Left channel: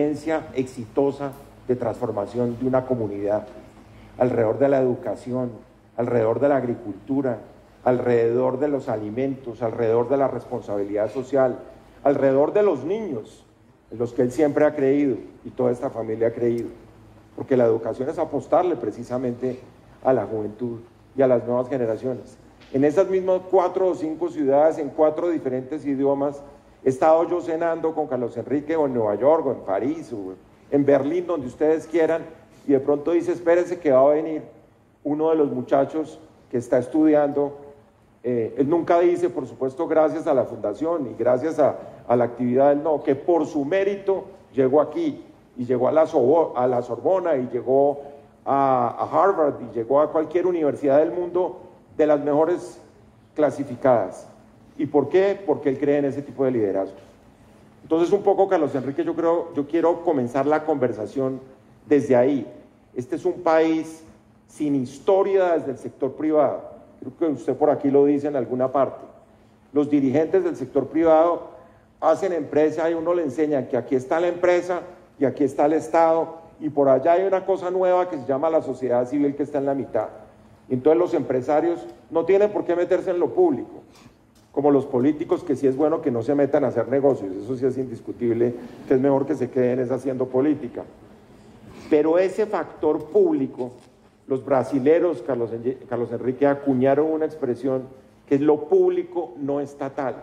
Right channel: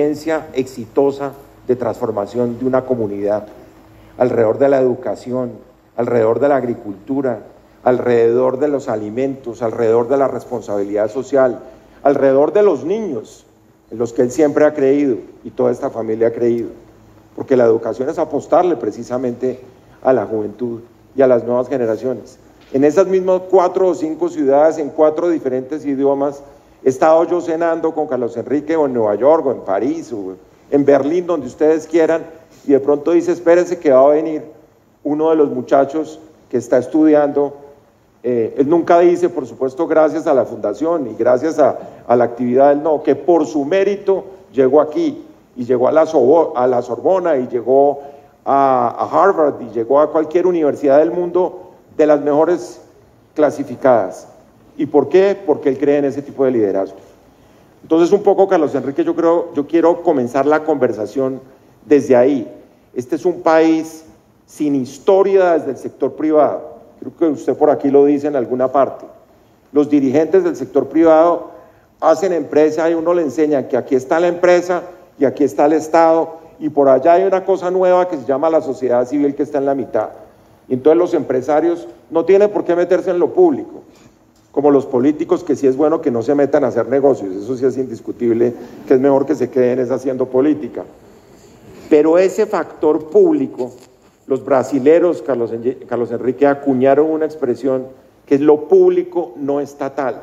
experiencia exitosa de transformación de una comunidad, alrededor de la educación, alrededor de la agricultura, alrededor de los alimentos, alrededor de la responsabilidad social, alrededor de los niños, en los que él siempre ha creído y toda esta familia ha creído, porque la educación es apostarle precisamente a la juventud y a las nuevas generaciones. En esas mismas 4 o 5 ciudades, en 4 diferentes idiomas, he estado yo cenando con Carlos Enrique o en Nueva York o en París o en Berlín, donde ustedes quieran, y de pronto dice, espérense que va a venir uno de los muchachos que está estudiando. Él nunca dice, por supuesto, gracias a la fundación y gracias a la actividad, no, que por su mérito llegó aquí y llegó a la Sorbona y llegó a Harvard y llegó a cualquier universidad del mundo de las mejores clasificadas. ¿Y por qué? Porque él cree en ese tipo de liderazgo. Entonces, un poco, Carlos Enrique, yo quiero comenzar la conversación desde ahí. Este es un país sin historia desde el sector privado. Creo que usted por aquí lo dice en alguna parte. Los dirigentes del sector privado hacen empresa y uno le enseña que aquí está la empresa y aquí está el Estado y por allá hay una cosa nueva que se llama la sociedad civil que está en la mitad. Y entonces los empresarios no tienen por qué meterse en lo público, como los políticos, que sí es bueno que no se metan a hacer negocios, eso sí es indiscutible, que es mejor que se queden haciendo política. Pero ese factor público, los brasileros, Carlos Enrique, acuñaron una expresión que es lo público no estatal.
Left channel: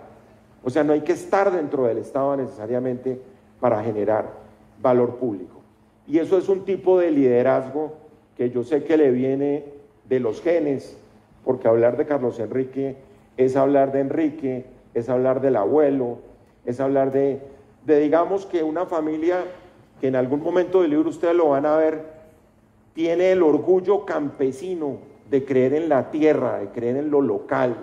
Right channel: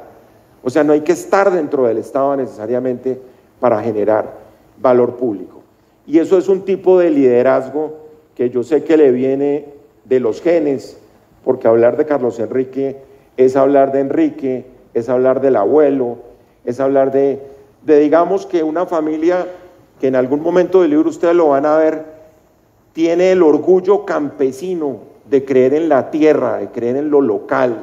O sea, no hay que estar dentro del Estado necesariamente para generar valor público. Y eso es un tipo de liderazgo que yo sé que le viene de los genes, porque hablar de Carlos Enrique es hablar de Enrique, es hablar del abuelo, es hablar de digamos que una familia que en algún momento del libro ustedes lo van a ver, tiene el orgullo campesino de creer en la tierra, de creer en lo local,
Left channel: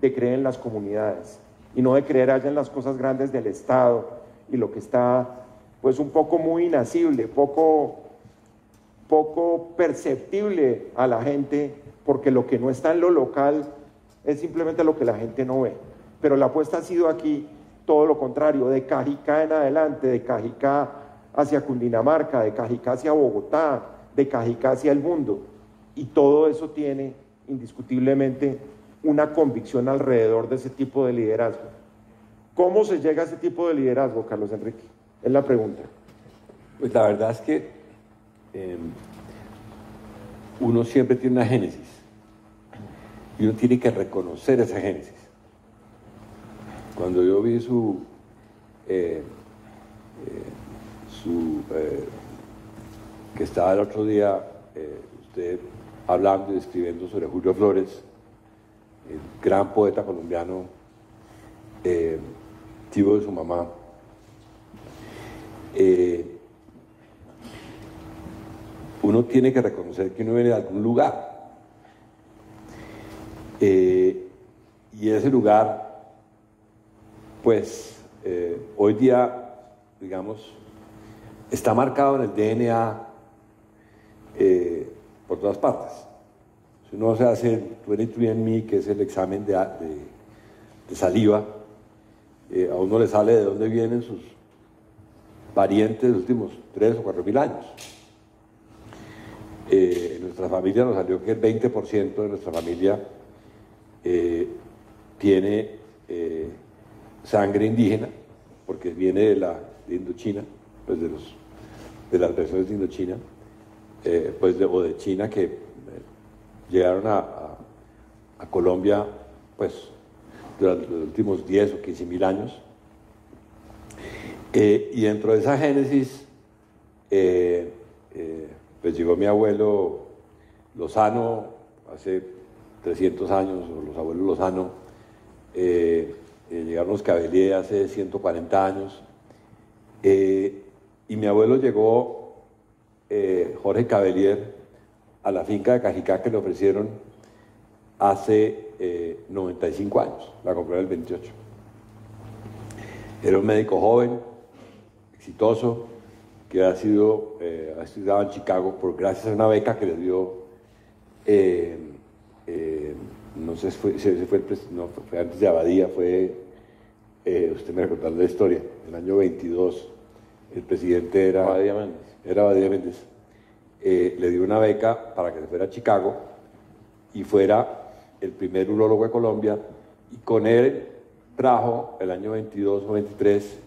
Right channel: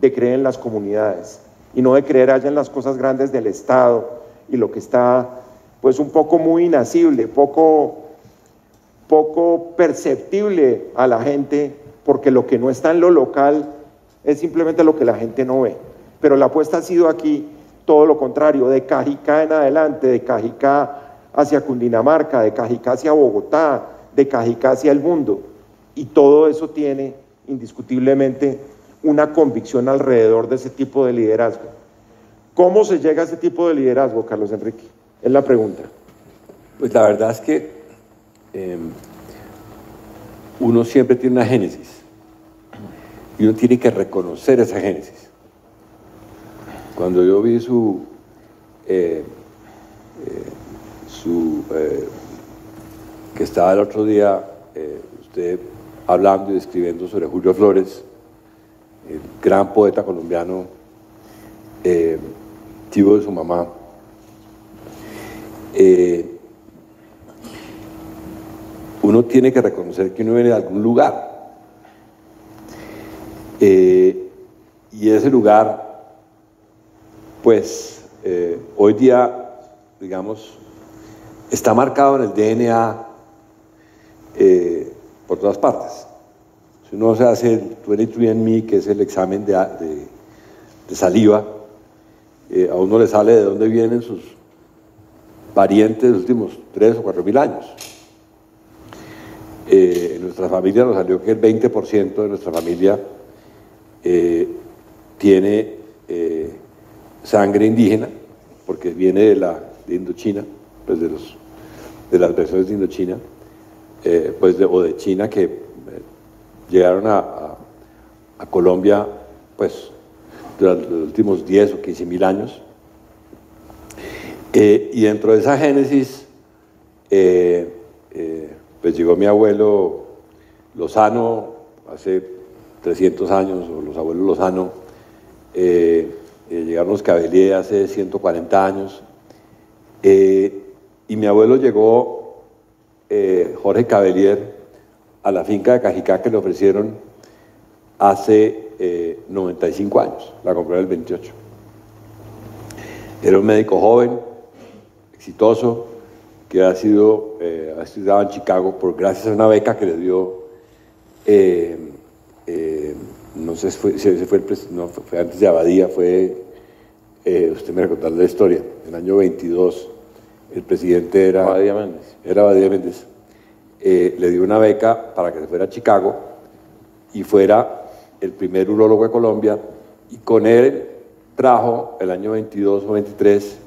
de creer en las comunidades y no de creer allá en las cosas grandes del Estado y lo que está pues un poco muy inacible, poco perceptible a la gente, porque lo que no está en lo local es simplemente lo que la gente no ve. Pero la apuesta ha sido aquí todo lo contrario, de Cajicá en adelante, de Cajicá hacia Cundinamarca, de Cajicá hacia Bogotá, de Cajicá hacia el mundo, y todo eso tiene indiscutiblemente una convicción alrededor de ese tipo de liderazgo. ¿Cómo se llega a ese tipo de liderazgo, Carlos Enrique? Es la pregunta. Pues la verdad es que uno siempre tiene una génesis y uno tiene que reconocer esa génesis. Cuando yo vi que estaba el otro día usted hablando y escribiendo sobre Julio Flores, el gran poeta colombiano, tío de su mamá, uno tiene que reconocer que uno viene de algún lugar, y ese lugar, pues, hoy día, digamos, está marcado en el DNA por todas partes. Si uno se hace el 23andMe, que es el examen de saliva, a uno le sale de dónde vienen sus parientes de los últimos 3 o 4 mil años. En nuestra familia nos salió que el 20% de nuestra familia tiene sangre indígena, porque viene de Indochina, pues de las versiones de Indochina, o de China, que llegaron a Colombia pues durante los últimos 10 o 15 mil años. Y dentro de esa génesis pues llegó mi abuelo Lozano hace 300 años, o los abuelos Lozano, llegaron los Cavelier hace 140 años, y mi abuelo llegó, Jorge Cavelier, a la finca de Cajicá que le ofrecieron hace 95 años, la compró en el 28. Era un médico joven, exitoso, que ha estudiado en Chicago gracias a una beca que le dio, no sé si fue antes de Abadía, usted me va a contar la historia, en el año 22, el presidente era Badía Méndez. Badía Méndez, le dio una beca para que se fuera a Chicago y fuera el primer urólogo de Colombia, y con él trajo el año 22 o 23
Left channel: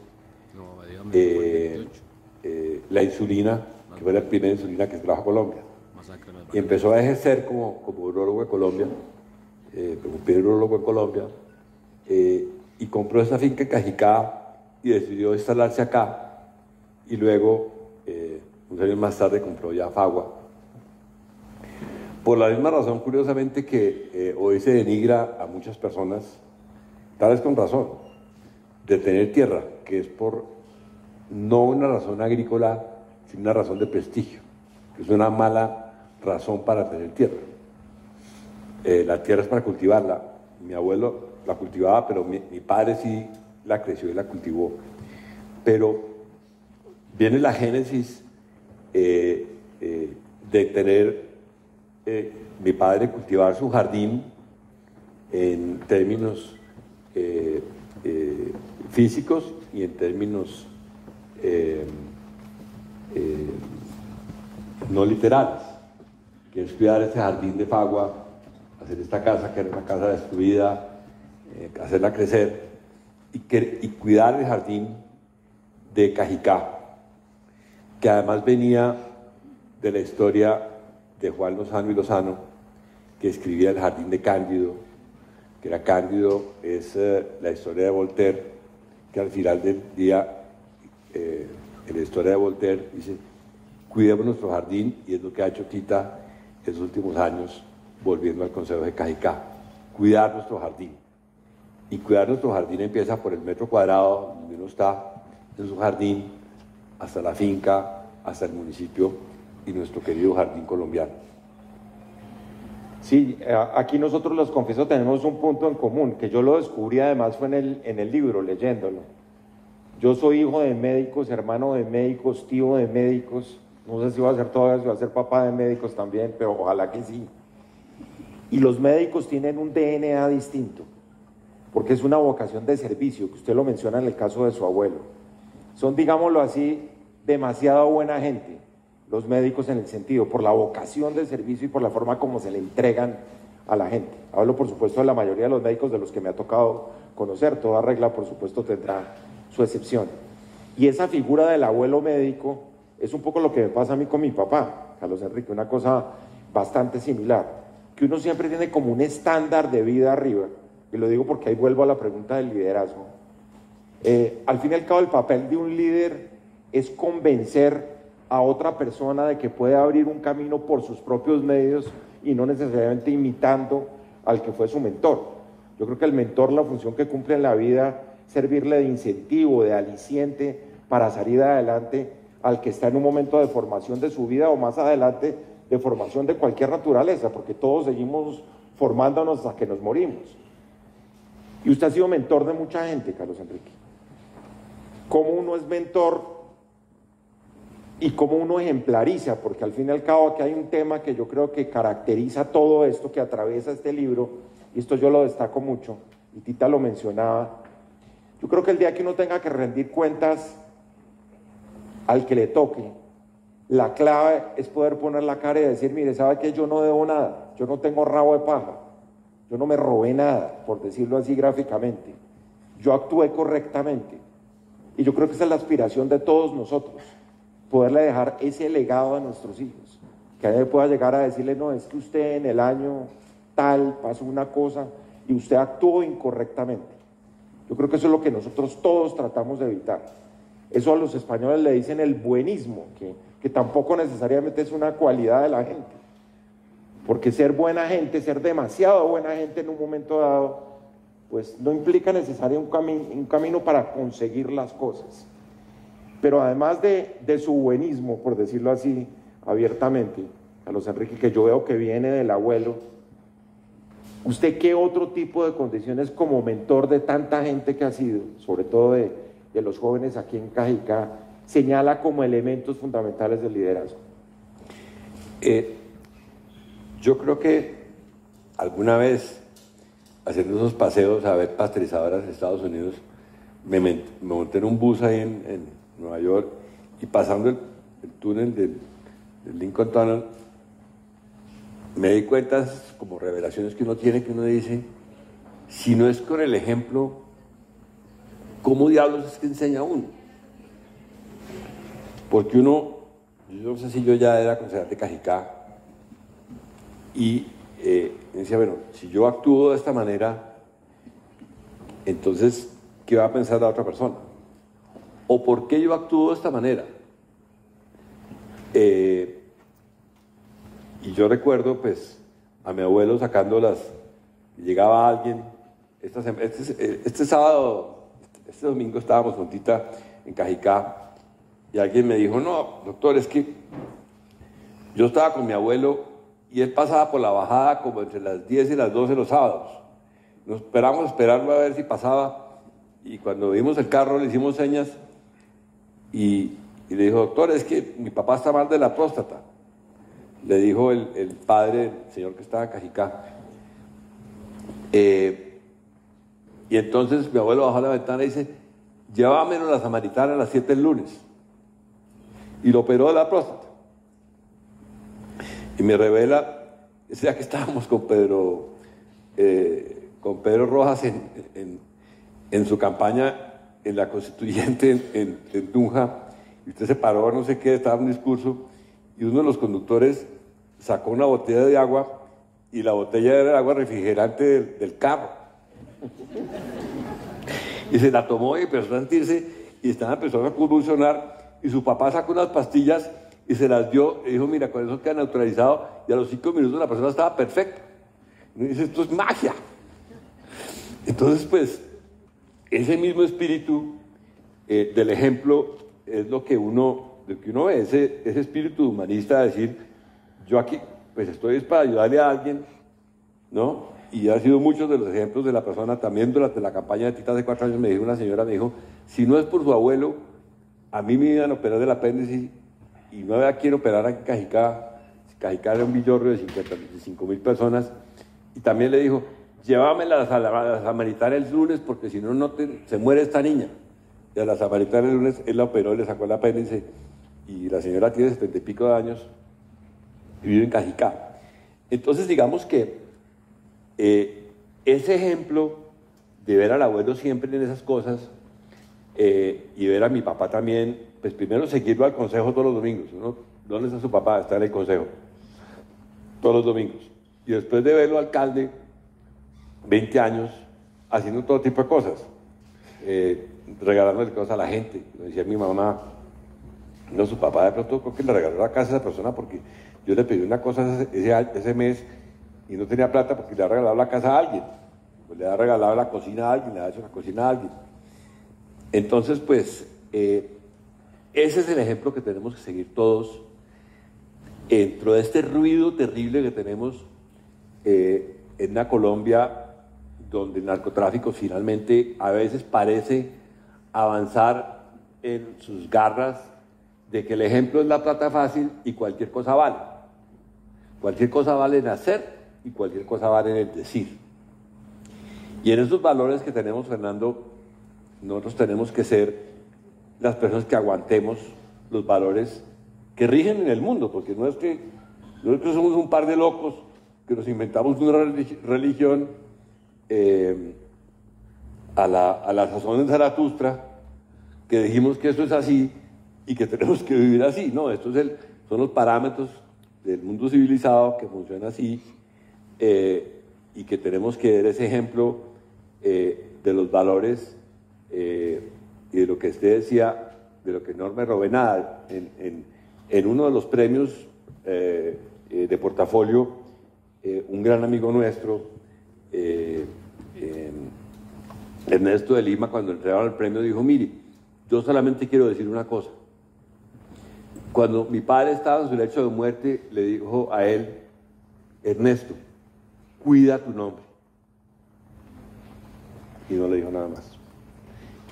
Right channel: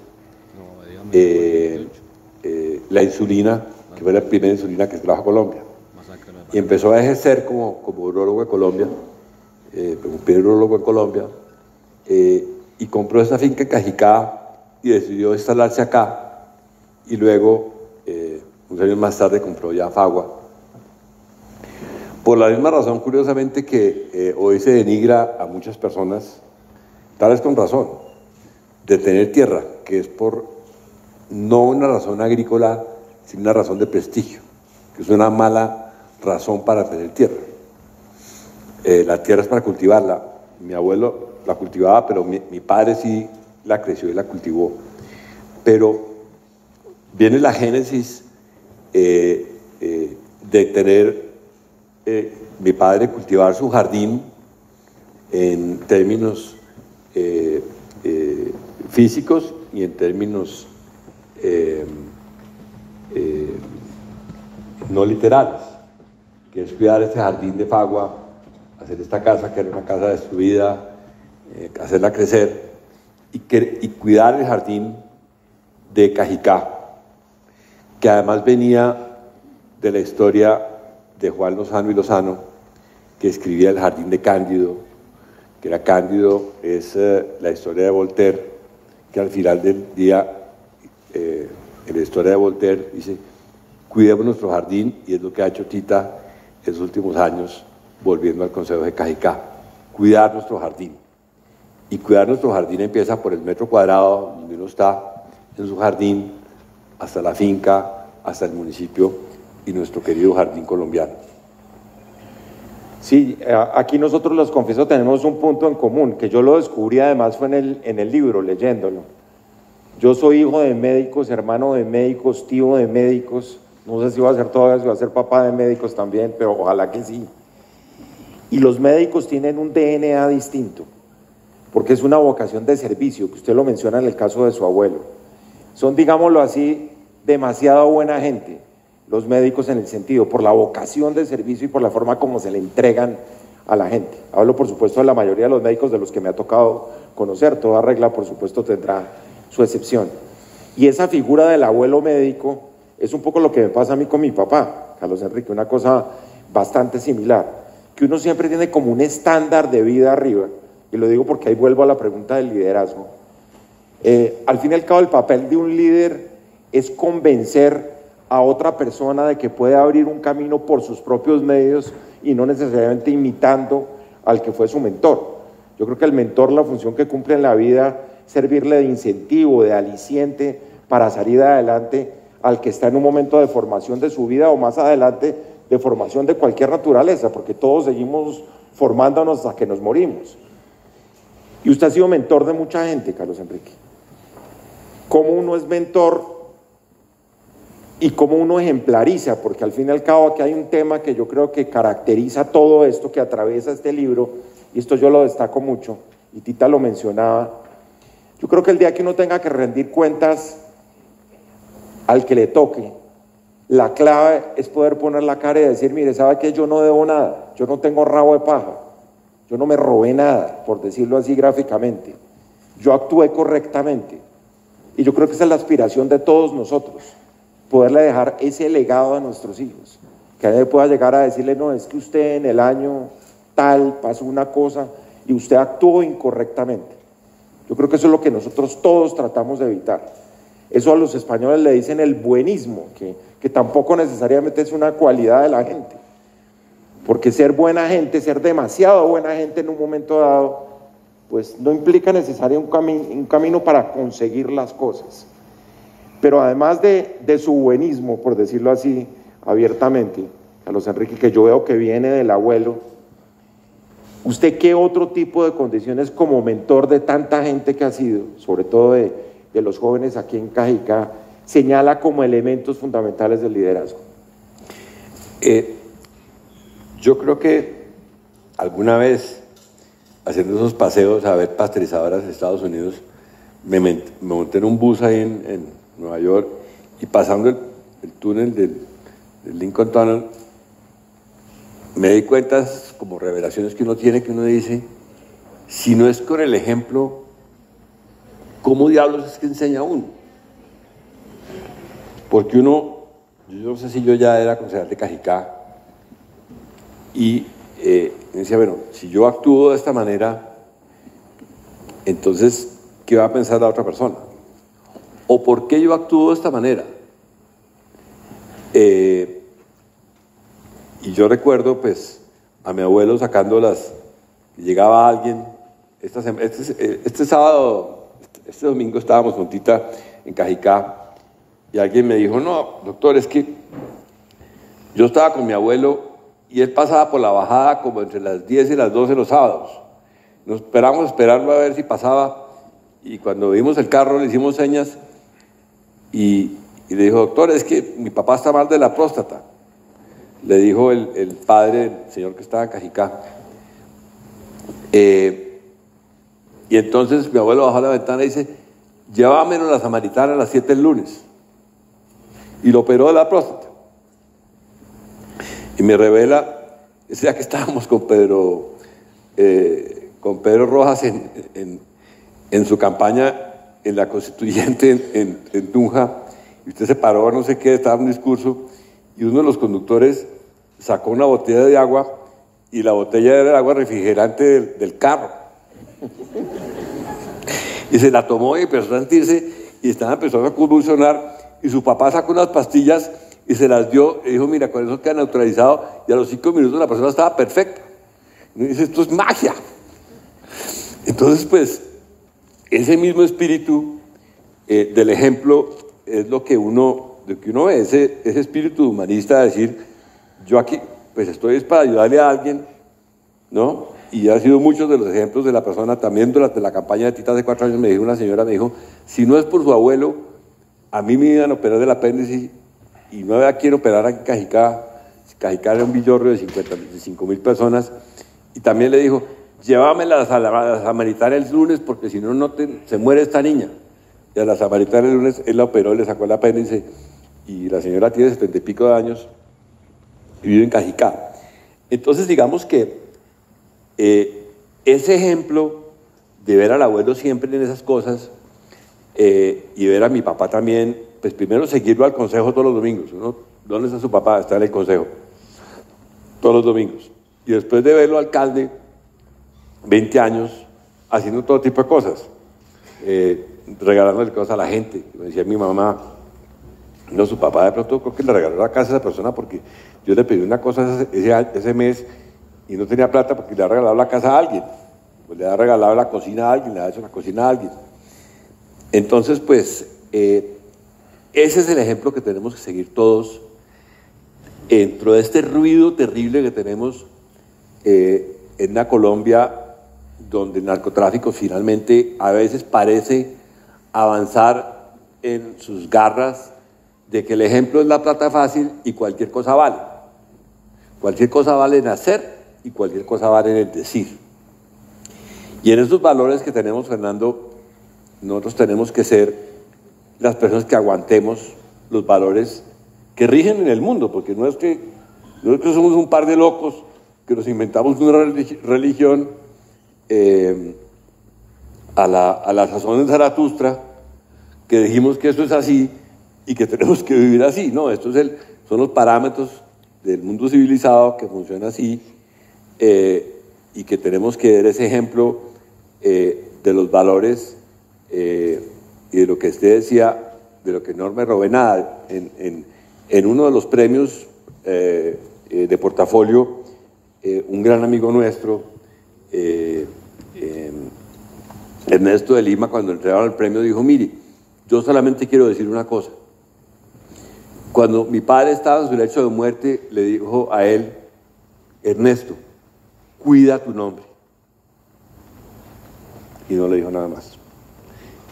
la insulina, que fue la primera insulina que se trajo a Colombia. Y empezó a ejercer como urólogo de Colombia, un primer urólogo en Colombia, y compró esta finca en Cajicá y decidió instalarse acá, y luego, unos años más tarde, compró ya Fagua. Por la misma razón, curiosamente, que hoy se denigra a muchas personas, tal vez con razón, de tener tierra, que es por no una razón agrícola, sino una razón de prestigio, que es una mala razón para tener tierra. La tierra es para cultivarla. Mi abuelo la cultivaba, pero mi padre sí la creció y la cultivó. Pero viene la génesis de tener mi padre cultivar su jardín en términos físicos y en términos no literales, que es cuidar este jardín de Fagua, hacer esta casa, que era una casa destruida, hacerla crecer, y cuidar el jardín de Cajicá, que además venía de la historia de Juan Lozano y Lozano, que escribía El jardín de Cándido, que era Cándido, es la historia de Voltaire, que al final del día, en la historia de Voltaire, dice: cuidemos nuestro jardín, y es lo que ha hecho Tita en los últimos años, volviendo al Consejo de Cajicá, cuidar nuestro jardín. Y cuidar nuestro jardín empieza por el metro cuadrado donde uno está en su jardín, hasta la finca, hasta el municipio y nuestro querido jardín colombiano. Sí, aquí nosotros los confieso tenemos un punto en común, que yo lo descubrí además fue en el libro, leyéndolo. Yo soy hijo de médicos, hermano de médicos, tío de médicos, no sé si voy a ser todavía, si voy a ser papá de médicos también, pero ojalá que sí. Y los médicos tienen un DNA distinto, porque es una vocación de servicio, que usted lo menciona en el caso de su abuelo. Son, digámoslo así, demasiado buena gente, los médicos, en el sentido, por la vocación de servicio y por la forma como se le entregan a la gente. Hablo, por supuesto, de la mayoría de los médicos de los que me ha tocado conocer. Toda regla, por supuesto, tendrá su excepción. Y esa figura del abuelo médico es un poco lo que me pasa a mí con mi papá, Carlos Enrique, una cosa bastante similar, que uno siempre tiene como un estándar de vida arriba, y lo digo porque ahí vuelvo a la pregunta del liderazgo. Al fin y al cabo, el papel de un líder es convencer a otra persona de que puede abrir un camino por sus propios medios y no necesariamente imitando al que fue su mentor. Yo creo que el mentor, la función que cumple en la vida, servirle de incentivo, de aliciente para salir adelante al que está en un momento de formación de su vida, o más adelante de formación de cualquier naturaleza, porque todos seguimos formándonos hasta que nos morimos. Y usted ha sido mentor de mucha gente, Carlos Enrique. ¿Cómo uno es mentor y cómo uno ejemplariza? Porque al fin y al cabo aquí hay un tema que yo creo que caracteriza todo esto que atraviesa este libro, y esto yo lo destaco mucho, y Tita lo mencionaba. Yo creo que el día que uno tenga que rendir cuentas al que le toque, la clave es poder poner la cara y decir: mire, ¿sabe qué? Yo no debo nada, yo no tengo rabo de paja, yo no me robé nada, por decirlo así gráficamente, yo actué correctamente. Y yo creo que esa es la aspiración de todos nosotros, poderle dejar ese legado a nuestros hijos, que nadie pueda llegar a decirle: no, es que usted en el año tal pasó una cosa y usted actuó incorrectamente. Yo creo que eso es lo que nosotros todos tratamos de evitar. Eso a los españoles le dicen el buenismo, que tampoco necesariamente es una cualidad de la gente, porque ser buena gente, ser demasiado buena gente en un momento dado, pues no implica necesariamente un camino para conseguir las cosas. Pero además de su buenismo, por decirlo así abiertamente, Carlos Enrique, que yo veo que viene del abuelo, ¿usted qué otro tipo de condiciones como mentor de tanta gente que ha sido, sobre todo de los jóvenes aquí en Cajicá, señala como elementos fundamentales del liderazgo? Yo creo que alguna vez, haciendo esos paseos a ver pasteurizadoras de Estados Unidos, me monté en un bus ahí en Nueva York, y pasando el túnel del Lincoln Tunnel, me di cuenta, como revelaciones que uno tiene, que uno dice, si no es con el ejemplo, ¿cómo diablos es que enseña uno? Porque uno, yo no sé si yo ya era concejal de Cajicá, y decía, bueno, si yo actúo de esta manera, entonces, ¿qué va a pensar la otra persona? ¿O por qué yo actúo de esta manera? Y yo recuerdo, pues, a mi abuelo sacándolas, llegaba alguien, este sábado, este domingo estábamos juntita en Cajicá, y alguien me dijo, no, doctor, es que yo estaba con mi abuelo y él pasaba por la bajada como entre las 10 y las 12 los sábados. Nos esperarlo a ver si pasaba, y cuando vimos el carro le hicimos señas y le dijo, doctor, es que mi papá está mal de la próstata. Le dijo el padre, el señor que estaba en Cajicá. Y entonces mi abuelo bajó a la ventana y dice, llévamelo a la Samaritana a las 7 del lunes. Y lo operó de la próstata. Y me revela, ese día que estábamos con Pedro Rojas en su campaña en la Constituyente en Tunja, y usted se paró, no sé qué, estaba en un discurso, y uno de los conductores sacó una botella de agua, y la botella era el agua refrigerante del carro. Y se la tomó y empezó a sentirse, y empezó a convulsionar, y su papá sacó unas pastillas y se las dio, y dijo, mira, con eso queda neutralizado, y a los 5 minutos la persona estaba perfecta. Y dice, esto es magia. Entonces, pues, ese mismo espíritu del ejemplo es lo que uno ve, ese espíritu humanista de decir, yo aquí, pues estoy para ayudarle a alguien, ¿no? Y ha sido muchos de los ejemplos de la persona. También durante la campaña de Tita hace 4 años una señora me dijo, si no es por su abuelo, a mí me iban a operar del apéndice y no había quien operar aquí en Cajicá. Cajicá era un villorrio de 55.000 personas. Y también le dijo, llévamela a la Samaritana el lunes porque si no, se muere esta niña. Y a la Samaritana el lunes él la operó, le sacó el apéndice, y la señora tiene 70 y pico de años y vive en Cajicá. Entonces, digamos que ese ejemplo de ver al abuelo siempre en esas cosas, y ver a mi papá también, pues primero seguirlo al consejo todos los domingos, ¿no? ¿Dónde está su papá? Está en el consejo todos los domingos. Y después de verlo alcalde, 20 años, haciendo todo tipo de cosas, regalándole cosas a la gente. Me decía mi mamá, no, su papá de pronto creo que le regaló la casa a esa persona porque yo le pedí una cosa ese mes y no tenía plata porque le ha regalado la casa a alguien, pues le ha regalado la cocina a alguien, le ha hecho la cocina a alguien. Entonces, pues, ese es el ejemplo que tenemos que seguir todos dentro de este ruido terrible que tenemos en una Colombia donde el narcotráfico finalmente a veces parece avanzar en sus garras de que el ejemplo es la plata fácil y cualquier cosa vale. Cualquier cosa vale en hacer y cualquier cosa vale en el decir. Y en esos valores que tenemos, Fernando, nosotros tenemos que ser las personas que aguantemos los valores que rigen en el mundo, porque no es que somos un par de locos que nos inventamos una religión a la sazón de Zaratustra, que dijimos que esto es así y que tenemos que vivir así. No, estos son los parámetros del mundo civilizado que funciona así, y que tenemos que ver ese ejemplo de los valores y de lo que usted decía, de lo que no me robé nada. En uno de los premios de portafolio, un gran amigo nuestro, Ernesto de Lima, cuando entregaron el premio, dijo, mire, yo solamente quiero decir una cosa. Cuando mi padre estaba en su lecho de muerte, le dijo a él, Ernesto, cuida tu nombre. Y no le dijo nada más.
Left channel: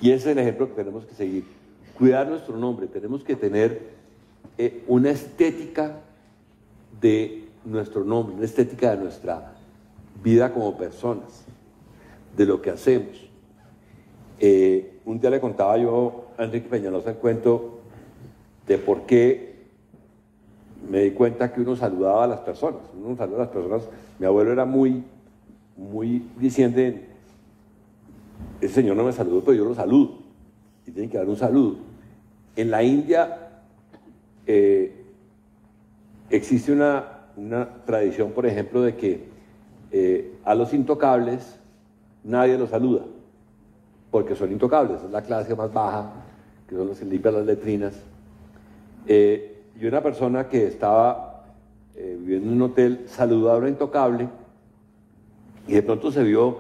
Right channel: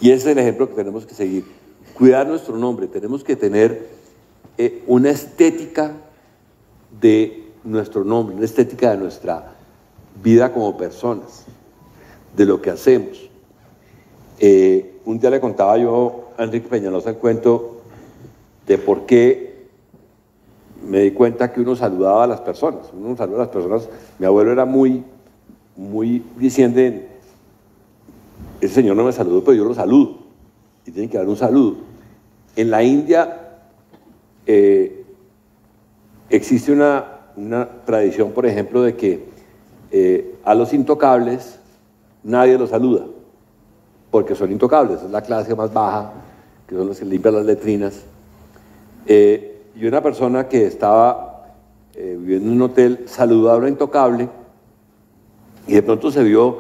Y ese es el ejemplo que tenemos que seguir. Cuidar nuestro nombre. Tenemos que tener una estética de nuestro nombre, una estética de nuestra vida como personas, de lo que hacemos. Un día le contaba yo a Enrique Peñalosa el cuento de por qué me di cuenta que uno saludaba a las personas. Uno saluda a las personas. Mi abuelo era muy diciendo, ese señor no me saludó, pero yo lo saludo. Y tiene que dar un saludo. En la India existe una tradición, por ejemplo, de que a los intocables nadie los saluda, porque son intocables, es la clase más baja, que son los que limpian las letrinas. Y una persona que estaba viviendo en un hotel saludó a una intocable y de pronto se vio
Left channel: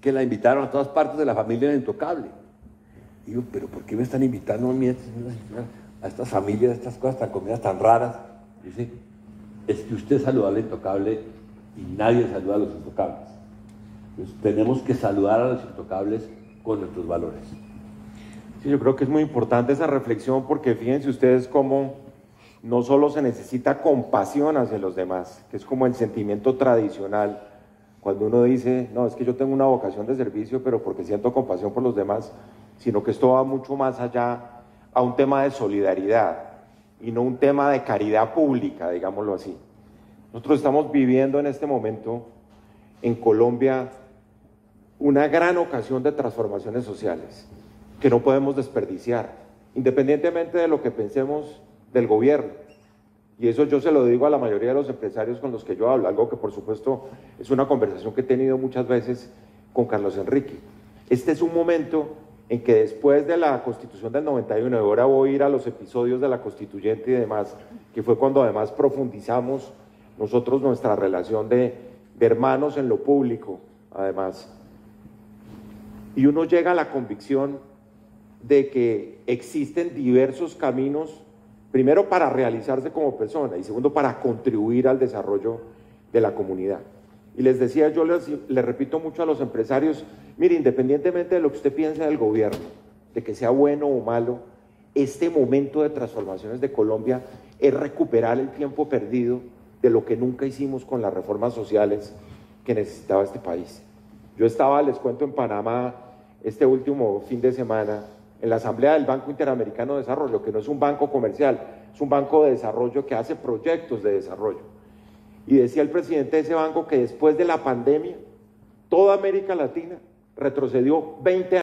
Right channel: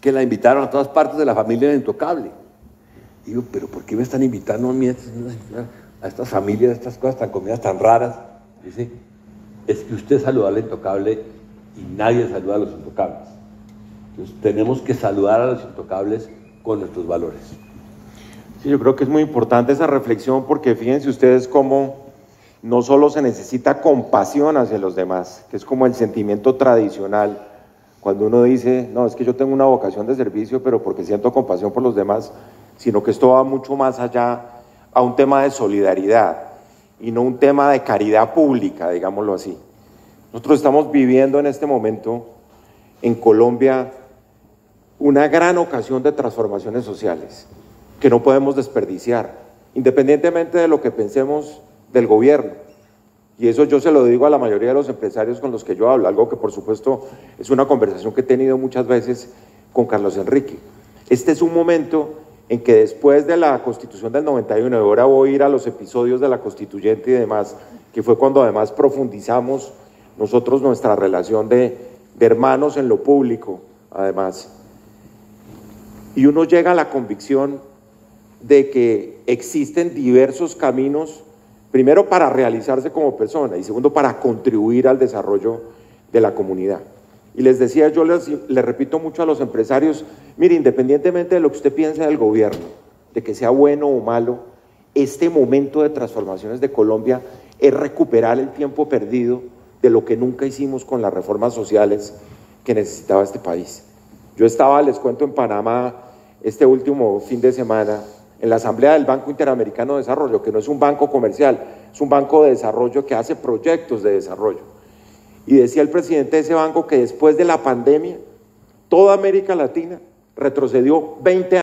que la invitaron a todas partes de la familia de intocable. Y digo, ¿pero por qué me están invitando a mí a estas familias, a estas cosas tan comidas tan raras? Dice, es que usted saluda al intocable y nadie saluda a los intocables. Entonces tenemos que saludar a los intocables con nuestros valores. Sí, yo creo que es muy importante esa reflexión, porque fíjense ustedes cómo no solo se necesita compasión hacia los demás, que es como el sentimiento tradicional, cuando uno dice, no, es que yo tengo una vocación de servicio, pero porque siento compasión por los demás, sino que esto va mucho más allá a un tema de solidaridad y no un tema de caridad pública, digámoslo así. Nosotros estamos viviendo en este momento en Colombia una gran ocasión de transformaciones sociales que no podemos desperdiciar, independientemente de lo que pensemos del gobierno. Y eso yo se lo digo a la mayoría de los empresarios con los que yo hablo, algo que por supuesto es una conversación que he tenido muchas veces con Carlos Enrique. Este es un momento en que después de la Constitución del 91, y ahora voy a ir a los episodios de la Constituyente y demás, que fue cuando además profundizamos nosotros nuestra relación de hermanos en lo público, además. Y uno llega a la convicción de que existen diversos caminos, primero para realizarse como persona y segundo para contribuir al desarrollo de la comunidad. Y les decía, yo les repito mucho a los empresarios, mire, independientemente de lo que usted piense del gobierno, de que sea bueno o malo, este momento de transformaciones de Colombia es recuperar el tiempo perdido de lo que nunca hicimos con las reformas sociales que necesitaba este país. Yo estaba, les cuento, en Panamá este último fin de semana, en la asamblea del Banco Interamericano de Desarrollo, que no es un banco comercial, es un banco de desarrollo que hace proyectos de desarrollo. Y decía el presidente de ese banco que después de la pandemia, toda América Latina retrocedió 20 años.